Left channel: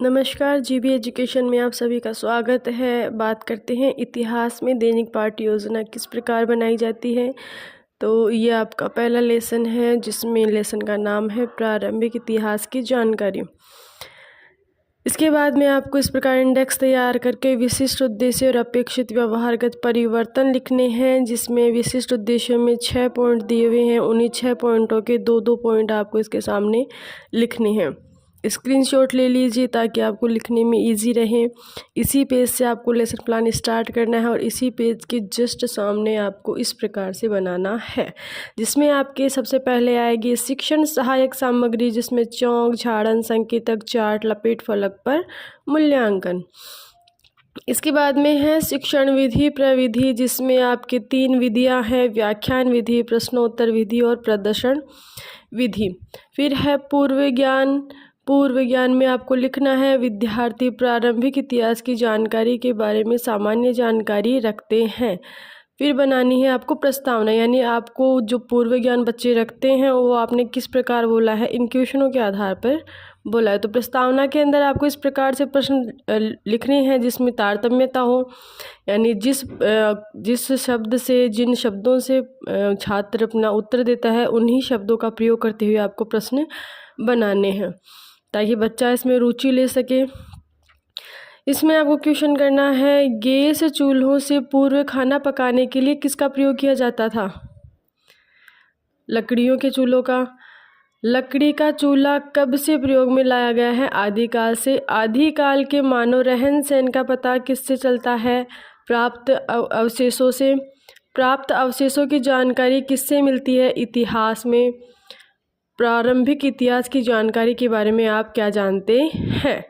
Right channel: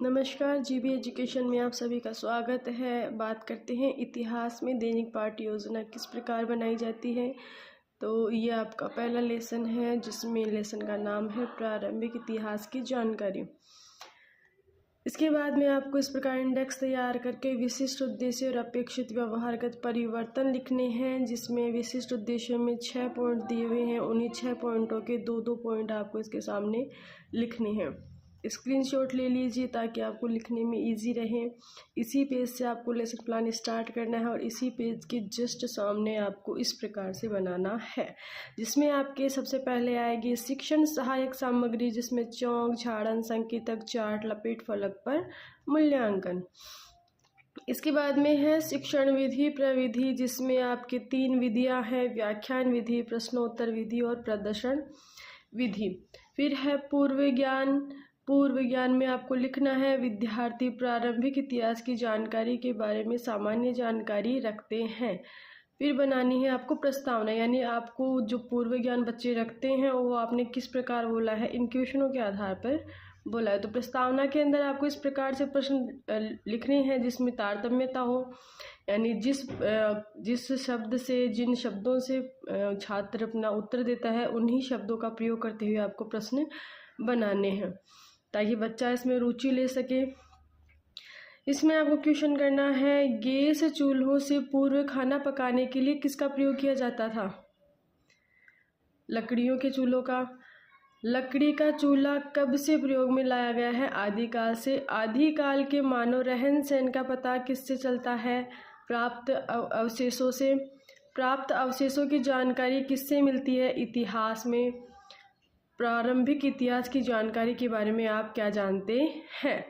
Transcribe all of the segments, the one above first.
नमस्कार, GB education में आप सभी का स्वागत है। बात करते हैं इतिहास में दैनिक पाठ्य योजना किस प्रकार बनाई जाती है। तो ये आपका पहला लेसन है जिसमें लेसन का नाम है प्रारंभिक इतिहास की जानकारी। इसके बाद में आपको इस प्रकार इंडेक्स तैयार करके विशिष्ट उद्देश्य और अपेक्षित व्यवहारगत परिवर्तन लिखने हैं, जिसमें विशिष्ट उद्देश्यों में 6 पॉइंट दिए हुए हैं। उन्हीं 6 पॉइंटों के 2-2 पॉइंट आपको इसके सामने लिखने हैं। स्क्रीनशॉट ले लीजिए ताकि आपको लिखने में इजी रहे। इसी पेज से आपको लेसन प्लान स्टार्ट करना है और इसी पेज के जस्ट सामने आपको इस प्रकार से बनाना है, जिसमें आपके सबसे पहले आएगी शिक्षण सहायक सामग्री, जिसमें चौक, झाड़न, संकेतक, चार्ट, लपेट फलक पर मूल्यांकन। इसके बाद में है शिक्षण विधि प्रविधि, जिसमें आपके 3 विधियां हैं, व्याख्यान विधि, प्रश्नोत्तर विधि और प्रदर्शन विधि। फिर है पूर्व ज्ञान में आपको लिखना है विद्यार्थी प्रारंभिक इतिहास की जानकारी के बारे में सामान्य जानकारी रखते हैं। फिर बनानी है आपको प्रस्तावना, यानी आपको जो पूर्व ज्ञान बच्चे रखते हैं वो आपने किस प्रकार बोला है, इन क्वेश्चनों के आधार पर बोला है। तो प्रस्तावना के अंदर आपको इस प्रकार से प्रश्न लिखने हैं जिसमें तारतम्यता हो, यानी जिस शब्द से, जिन शब्दों से छात्र अपना उत्तर देता है उन्हीं शब्दों का प्रयोग करते हुए आपको प्रश्न बनाने हैं ताकि बच्चा इसमें रुचि ले सके। इसमें आपको क्वेश्चन करना है गैस चूल्हों से पूर्व खाना पकाने के लिए किसका प्रयोग किया जाता था? लकड़ियों के चूल्हों का। लकड़ी का चूल्हा कब से प्रयोग में लाया गया है? आदिकाल से। आदिकाल के मानव रहन सहन का पता किससे चलता है? प्राप्त अवशेषों से। प्राप्त अवशेषों की जानकारी किससे मिलती है? इतिहास में। प्रारंभिक इतिहास की जानकारी के बारे में आप क्या जानते हैं?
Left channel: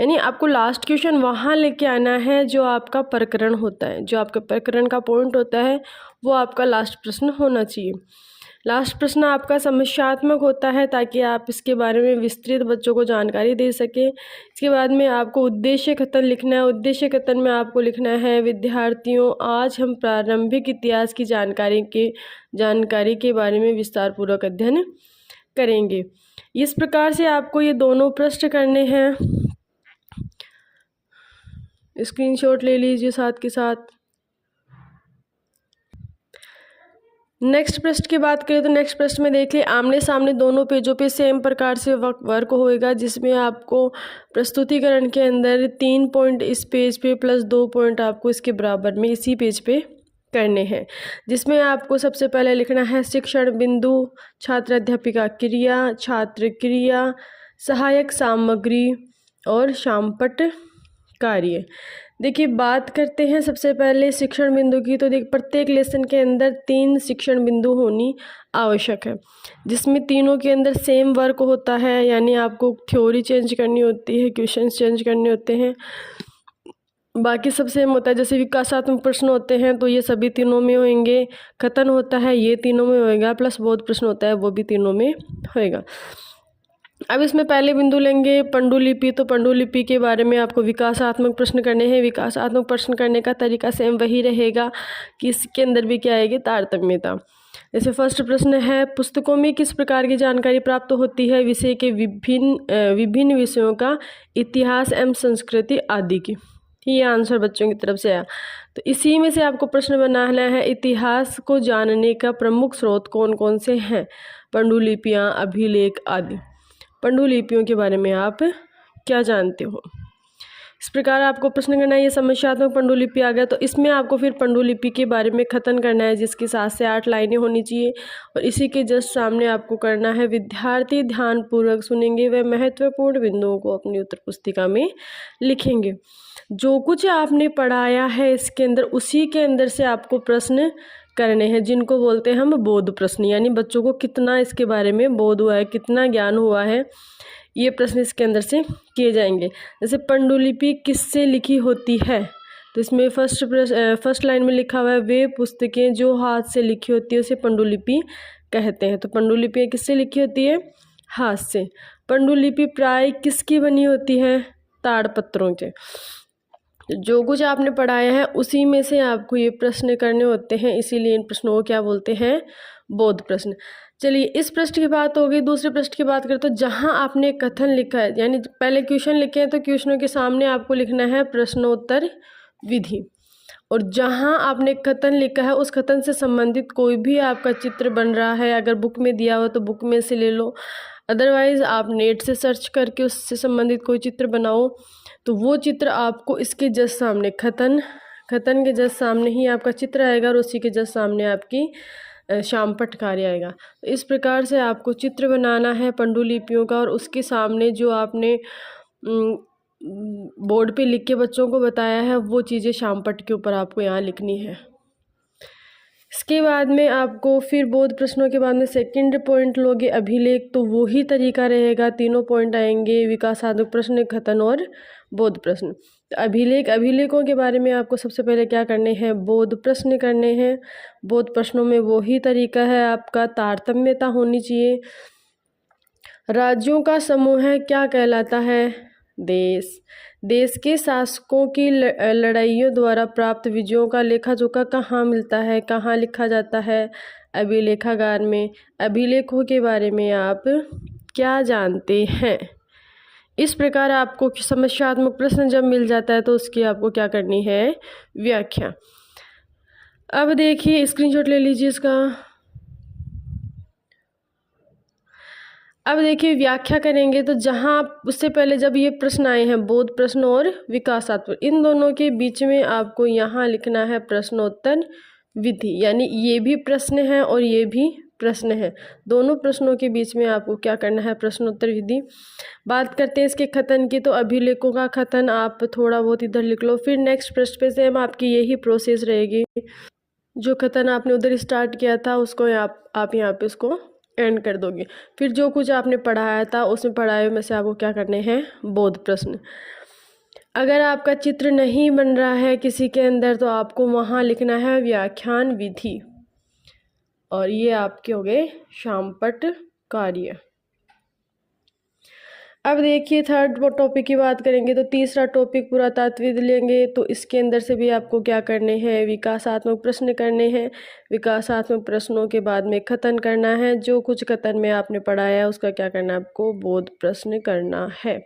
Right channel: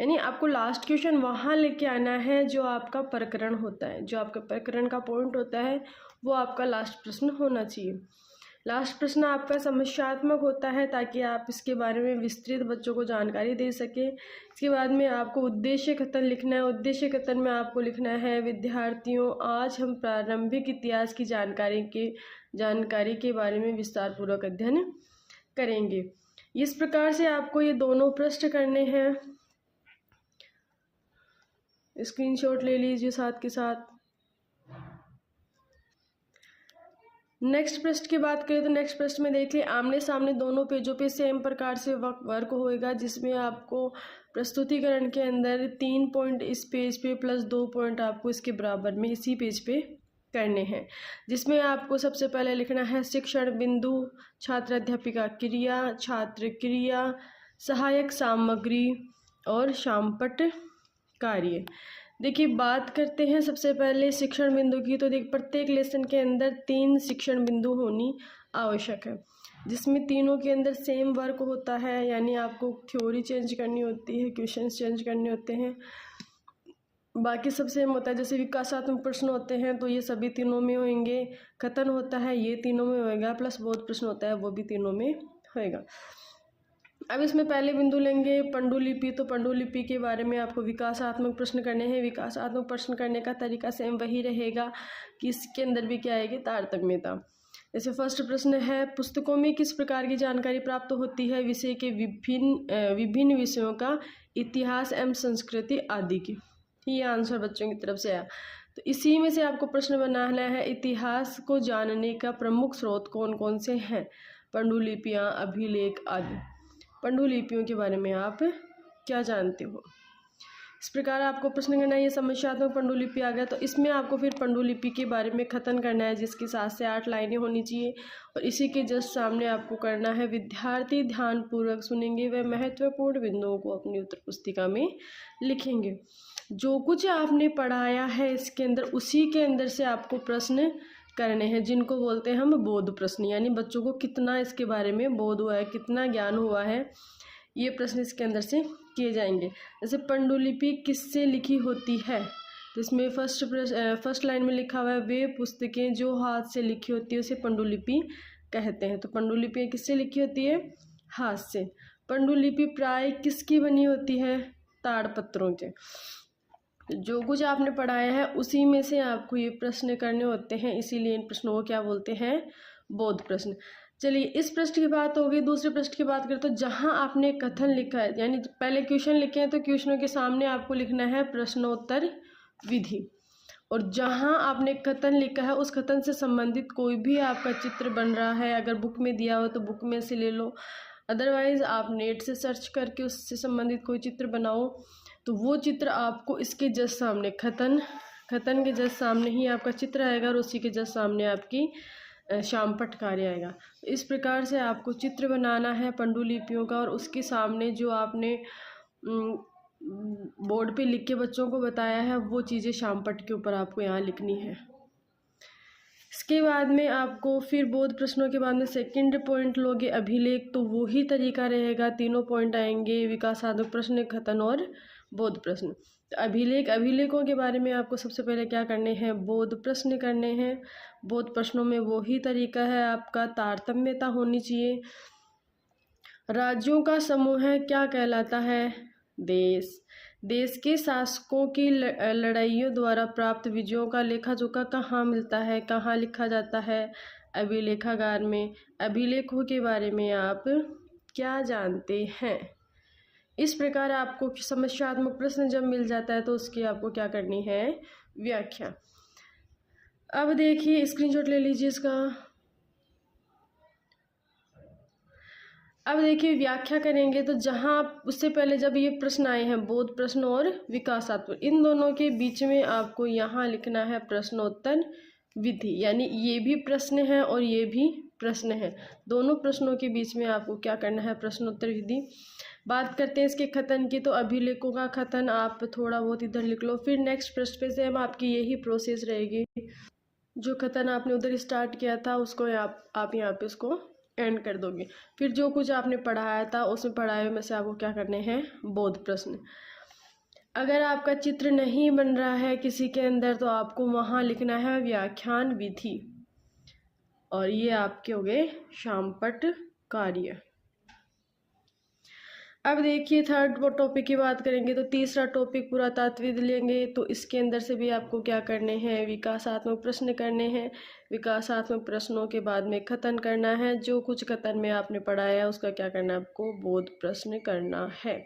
यानी आपको लास्ट क्वेश्चन वहाँ लेके आना है जो आपका प्रकरण होता है, जो आपका प्रकरण का पॉइंट होता है वो आपका लास्ट प्रश्न होना चाहिए। लास्ट प्रश्न आपका समस्यात्मक होता है ताकि आप इसके बारे में विस्तृत बच्चों को जानकारी दे सकें। इसके बाद में आपको उद्देश्य कथन लिखना है। उद्देश्य कथन में आपको लिखना है विद्यार्थियों, आज हम प्रारंभिक इतिहास की जानकारी के बारे में विस्तारपूर्वक अध्ययन करेंगे। इस प्रकार से आपको ये दोनों प्रश्न करने हैं। स्क्रीनशॉट ले लीजिए साथ के साथ। नेक्स्ट प्रश्न की बात करें तो नेक्स्ट प्रश्न में देखिए आमने सामने दोनों पेजों पे सेम प्रकार से वर्क होएगा, जिसमें आपको प्रस्तुतिकरण के अंदर 3 पॉइंट इस पेज पे प्लस 2 पॉइंट आपको इसके बराबर में इसी पेज पे करने हैं, जिसमें आपको सबसे पहले लिखना है शिक्षण बिंदु, छात्र अध्यापिका क्रिया, छात्र क्रिया, सहायक सामग्री और शामपट कार्य। देखिए बात करते हैं सबसे पहले शिक्षण बिंदु की। तो प्रत्येक लेसन के अंदर 3 शिक्षण बिंदु होनी आवश्यक है, जिसमें तीनों के अंदर सेम वर्क होता है, यानी आपको थ्योरी चेंज करनी होती है, क्वेश्चन चेंज करने होते हैं, बाकी सब सेम होता है। जैसे विकासात्मक प्रश्न होते हैं तो ये सभी तीनों में होंगे, कथन होता है ये तीनों में होएगा, प्लस बोध प्रश्न होता है वो भी तीनों में होएगा। अब इसमें पहले बिंदु लेंगे पांडुलिपि। तो पांडुलिपि के बारे में आपको विकासात्मक प्रश्न करने हैं। विकासात्मक प्रश्न करने का तरीका सेम वही रहेगा कि इसके अंदर भी क्या आएगी, तारतम्यता। जैसे फर्स्ट प्रश्न है पुस्तकों में किस प्रकार की जानकारी प्राप्त होती है? विषय के विभिन्न विषयों का, इतिहास एवं संस्कृति आदि की। ये आंसर बच्चों की तरफ से आया। तो इसी में से आपको प्रश्न बनाना है इतिहास को जानने का प्रमुख स्रोत कौन कौन से हैं? पांडुलिपियाँ, अभिलेख आदि। पांडुलिपियों के बारे में आप क्या जानते हो? इस प्रकार आपको प्रश्न करना है। ये समस्यात्मक पांडुलिपि आ गया, तो इसमें आपको फिर पांडुलिपि के बारे में कथन करना है, जिसकी 7 से 8 लाइनें होनी चाहिए। और इसी के जस्ट सामने आपको करना है विद्यार्थी ध्यानपूर्वक सुनेंगे व महत्वपूर्ण बिंदुओं को अपनी उत्तर पुस्तिका में लिखेंगे। जो कुछ आपने पढ़ाया है इसके अंदर, उसी के अंदर से आपको प्रश्न करने हैं, जिनको बोलते हैं हम बोध प्रश्न, यानी बच्चों को कितना इसके बारे में बोध हुआ है, कितना ज्ञान हुआ है, ये प्रश्न इसके अंदर से किए जाएंगे। जैसे पांडुलिपि किससे लिखी होती है? तो इसमें फर्स्ट लाइन में लिखा हुआ है वे पुस्तकें जो हाथ से लिखी होती है उसे पांडुलिपि कहते हैं। तो पांडुलिपि किससे लिखी होती है? हाथ से। पांडुलिपि प्राय किसकी बनी होती है? ताड़पत्रों से। जो कुछ आपने पढ़ाया है उसी में से आपको ये प्रश्न करने होते हैं, इसीलिए इन प्रश्नों को क्या बोलते हैं? बोध प्रश्न। चलिए, इस पृष्ठ की बात हो गई। दूसरे पृष्ठ की बात करें तो जहाँ आपने कथन लिखा है, यानी पहले क्वेश्चन लिखे हैं तो क्वेश्चनों के सामने आपको लिखना है प्रश्नोत्तर विधि, और जहाँ आपने कथन लिखा है उस कथन से संबंधित कोई भी आपका चित्र बन रहा है, अगर बुक में दिया हो तो बुक में से ले लो, अदरवाइज़ आप नेट से सर्च करके उससे संबंधित कोई चित्र बनाओ, तो वो चित्र आपको इसके जस्ट सामने कथन के जस्ट सामने ही आपका चित्र आएगा, और उसी के जस्ट सामने आपकी शामपट कार्य आएगा। तो इस प्रकार से आपको चित्र बनाना है पांडुलिपियों का, और उसके सामने जो आपने बोर्ड पे लिख के बच्चों को बताया है वो चीज़ें शामपट के ऊपर आपको यहाँ लिखनी है। इसके बाद में आपको फिर बोध प्रश्नों के बाद में सेकंड पॉइंट लोगे अभिलेख, तो वही तरीका रहेगा, तीनों पॉइंट आएंगे, विकासात्मक प्रश्न, कथन और बोध प्रश्न। तो अभिलेखों के बारे में आपको सबसे पहले क्या करने हैं, बोध प्रश्न करने हैं। बोध प्रश्नों में वही तरीका है आपका, तारतम्यता होनी चाहिए। राज्यों का समूह है क्या कहलाता है, देश। देश के शासकों की लड़ाइयों द्वारा प्राप्त विजयों का लेखा जोखा कहाँ मिलता है, कहाँ लिखा जाता है, अभिलेखागार में। अभिलेखों के बारे में आप क्या जानते हैं। इस प्रकार आपको समस्यात्मक प्रश्न जब मिल जाता है तो उसकी आपको क्या करनी है, व्याख्या। अब देखिए, स्क्रीनशॉट ले लीजिए इसका। अब देखिए, व्याख्या करेंगे तो जहाँ उससे पहले जब ये प्रश्न आए हैं बोध प्रश्न और विकासात्मक, इन दोनों के बीच में आपको यहाँ लिखना है प्रश्नोत्तर विधि, यानी ये भी प्रश्न है और ये भी प्रश्न है, दोनों प्रश्नों के बीच में आपको क्या करना है, प्रश्नोत्तर विधि। बात करते हैं इसके कथन की, तो अभिलेखों का कथन आप थोड़ा बहुत इधर लिख लो, फिर नेक्स्ट पृष्ठ पे सेम आपकी यही प्रोसेस रहेगी, जो कथन आपने उधर स्टार्ट किया था उसको आप यहाँ पे उसको एंड कर दोगे। फिर जो कुछ आपने पढ़ाया था उसमें पढ़ाए में से आपको क्या करने हैं, बोध प्रश्न। अगर आपका चित्र नहीं बन रहा है किसी के अंदर तो आपको वहाँ लिखना है व्याख्यान विधि, और ये आपके हो गए शामपट कार्य। अब देखिए, थर्ड टॉपिक की बात करेंगे तो तीसरा टॉपिक पुरातत्वविद लेंगे, तो इसके अंदर से भी आपको क्या करने हैं, विकासात्मक प्रश्न करने हैं। विकासात्मक प्रश्नों के बाद में कथन करना है, जो कुछ कथन में आपने पढ़ाया है उसका क्या करना है, आपको बोध प्रश्न करना है।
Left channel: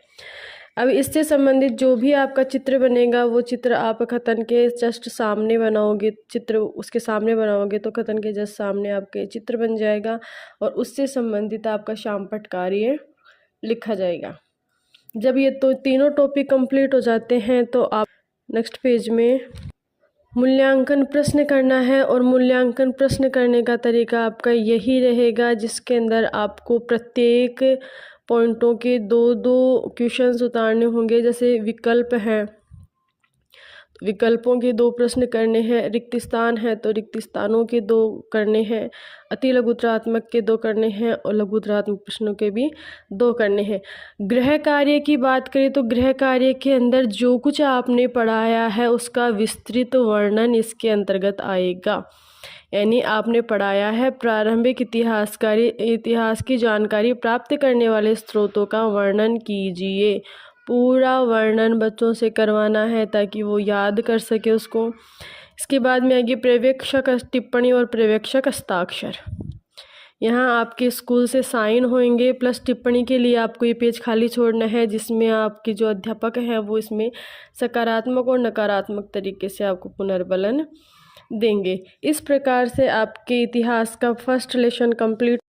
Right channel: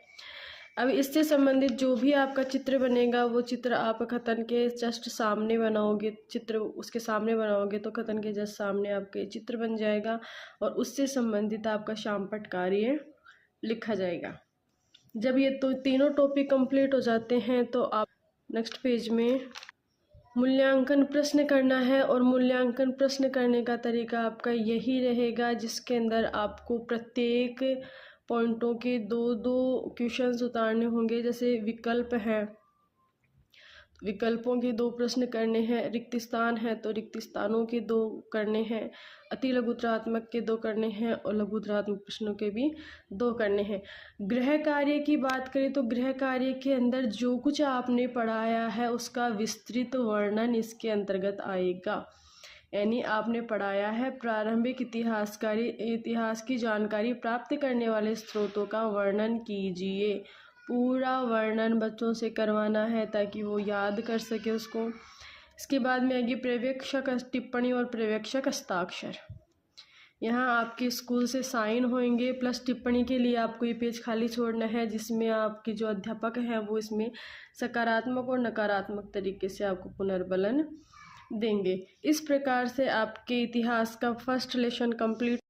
अब इससे संबंधित जो भी आपका चित्र बनेगा वो चित्र आप कथन के जस्ट सामने बनाओगे, चित्र उसके सामने बनाओगे तो कथन के जस्ट सामने आपके चित्र बन जाएगा, और उससे संबंधित आपका शामपट कार्य लिखा जाएगा। जब ये तो तीनों टॉपिक कंप्लीट हो जाते हैं तो आप नेक्स्ट पेज में मूल्यांकन प्रश्न करना है, और मूल्यांकन प्रश्न करने का तरीका आपका यही रहेगा, जिसके अंदर आपको प्रत्येक पॉइंटों के दो दो क्वेश्चंस उतारने होंगे। जैसे विकल्प है, विकल्पों के 2 प्रश्न करने हैं, रिक्त स्थान है तो रिक्त स्थानों के 2 करने हैं, अति लघुत्तरात्मक के 2 करने हैं, और लघुत्तरात्मक प्रश्नों के भी 2 करने हैं। गृह कार्य की बात करें तो गृह कार्य के अंदर जो कुछ आपने पढ़ाया है उसका विस्तृत वर्णन इसके अंतर्गत आएगा, यानी आपने पढ़ाया है प्रारंभिक इतिहास की जानकारी प्राप्त करने वाले स्रोतों का वर्णन कीजिए। पूरा वर्णन बच्चों से करवाना है ताकि वो याद कर सके उसको। इसके बाद में आगे पर्यवेक्षक टिप्पणी और पर्यवेक्षक हस्ताक्षर। यहाँ आपके स्कूल से साइन होंगे, प्लस टिप्पणी के लिए आपको ये पेज खाली छोड़ना है, जिसमें आपके जो अध्यापक हैं वो इसमें सकारात्मक और नकारात्मक तरीके से आपको पुनर्बलन देंगे। इस प्रकार से आपके इतिहास का फर्स्ट लेसन कंप्लीट